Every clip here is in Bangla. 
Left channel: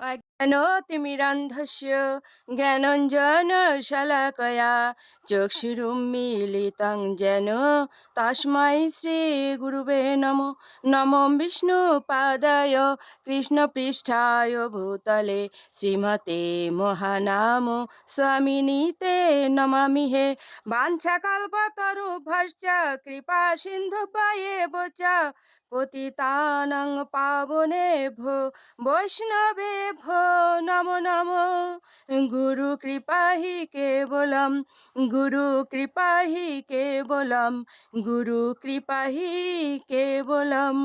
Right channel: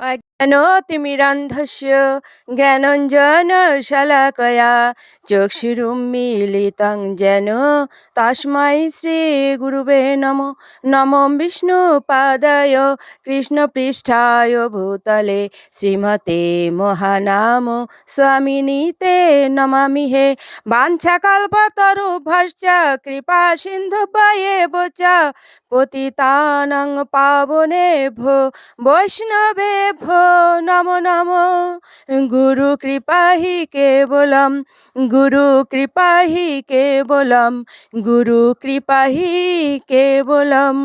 अज्ञानतिमिरान्धस्य ज्ञानाञ्जनशलाकया चक्षुरुन्मीलितं येन तस्मै श्रीगुरुवे नमो। नमो विष्णुपादाय कृष्णपृष्ठाय भूतले श्रीमते महानाम स्वामिनीते नमामि हे। वाञ्छाकल्पतरुभ्यश्च कृपा सिन्धुभ्येव च पतितानां पावनेभ्यो वैष्णवेभ्यो नमो नमो। गुरु कृपा ही केवलम, गुरु कृपा ही केवलम, गुरु कृपा ही केवलम।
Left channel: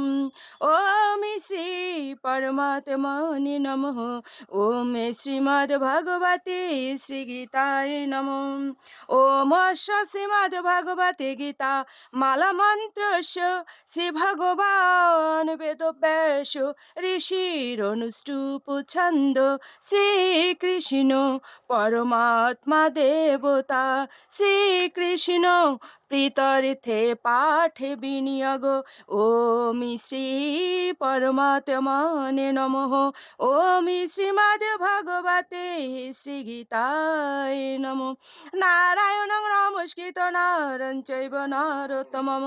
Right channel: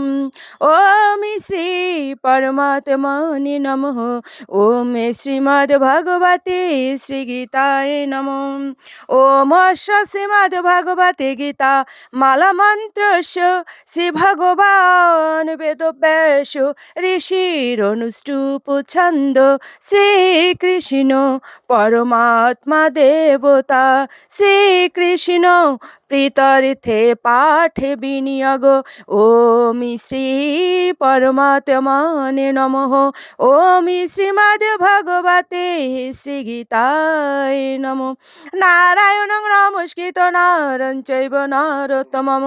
ओम श्री परमात्मने नमः। ओम श्रीमद् भगवते श्री गीताय नमः। ओम श्रीमद् भगवते गीता माला मंत्रस्य श्री भगवान वेदव्यास ঋষির অনুষ্টুপ ছন্দ শ্রীকৃষ্ণ পরমাত্মা দেবতা শ্রীকৃষ্ণ প্রীতার্থে পাঠে বিনিয়োগ। ওম শ্রী পরমাত্মনে নমঃ। ওম শ্রীমদ্ ভগবতে শ্রী গীতায় নমঃ। নারায়ণং নমস্কৃত নরং চৈব নরোত্তমং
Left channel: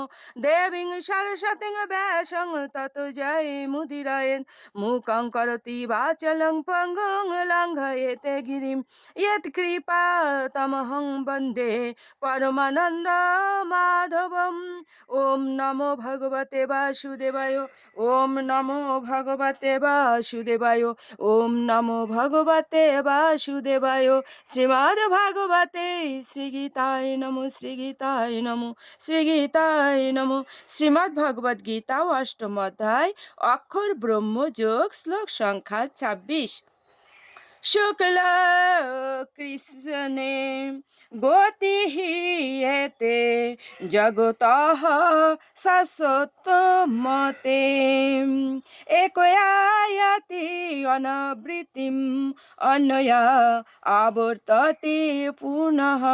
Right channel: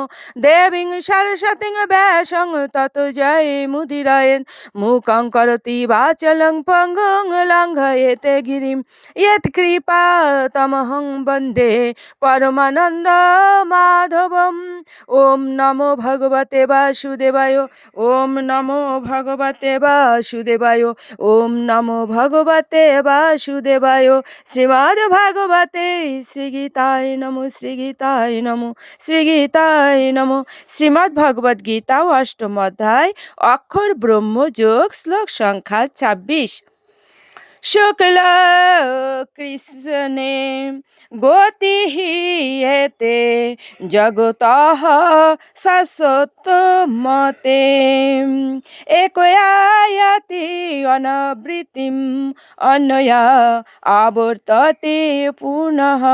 দেবীং সরস্বতীং ব্যাসং ততো জয়মুদীরয়েৎ। मूकं करोति वाचालं पङ्गुं लङ्घयते गिरिं यत्कृपातमहं वन्दे परमानन्दमाधवम्। ॐ नमो भगवते वासुदेवाय। ॐ नमो भगवते वासुदेवाय। ॐ नमो भगवते वासुदेवाय। श्रीमद्भगवते श्रीगीताय नमो। श्रीगीताय नमो। श्रीगीताय नमो। श्रीमद्भगवद्गीता अष्टम अध्याय অক্ষর ব্রহ্মযোগ শ্লোক সংখ্যা ২৬। শুক্ল কৃষ্ণে গতি এতে জগতঃ শাশ্বত মতে একয়ায়াতি অনাবৃত্তিম অন্যয়া আবর্ততে পুনঃ।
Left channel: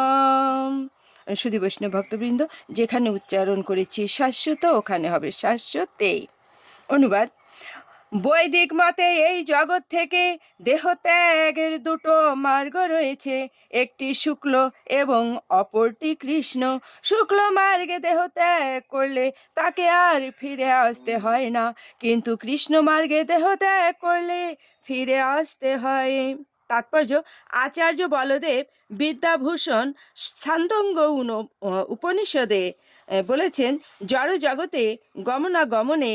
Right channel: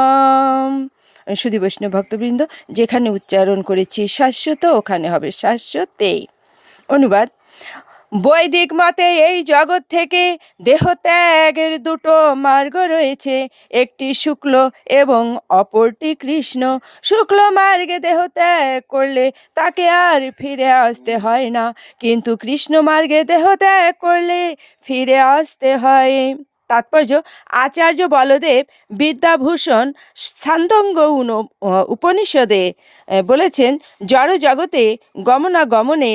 সুধী বৈষ্ণব ভক্তবৃন্দ, যেখানে উচ্চারণ করেছি শাশ্বত ওখানে হবে শাশ্বতে। অনুবাদ: বৈদিক মতে এই জগৎ থেকে দেহত্যাগের দুটো মার্গ রয়েছে, একটি শুক্ল এবং অপরটি কৃষ্ণ। শুক্ল মার্গে দেহত্যাগ করলে তাকে আর ফিরে আসতে হয় না, কিন্তু কৃষ্ণ মার্গে দেহত্যাগ করলে ফিরে আসতে হয়। তাৎপর্য: আচার্য বলদেব বিদ্যাভূষণ ছান্দোগ্য উপনিষদে বলেছেন, জড় জগতে গমনাগমনে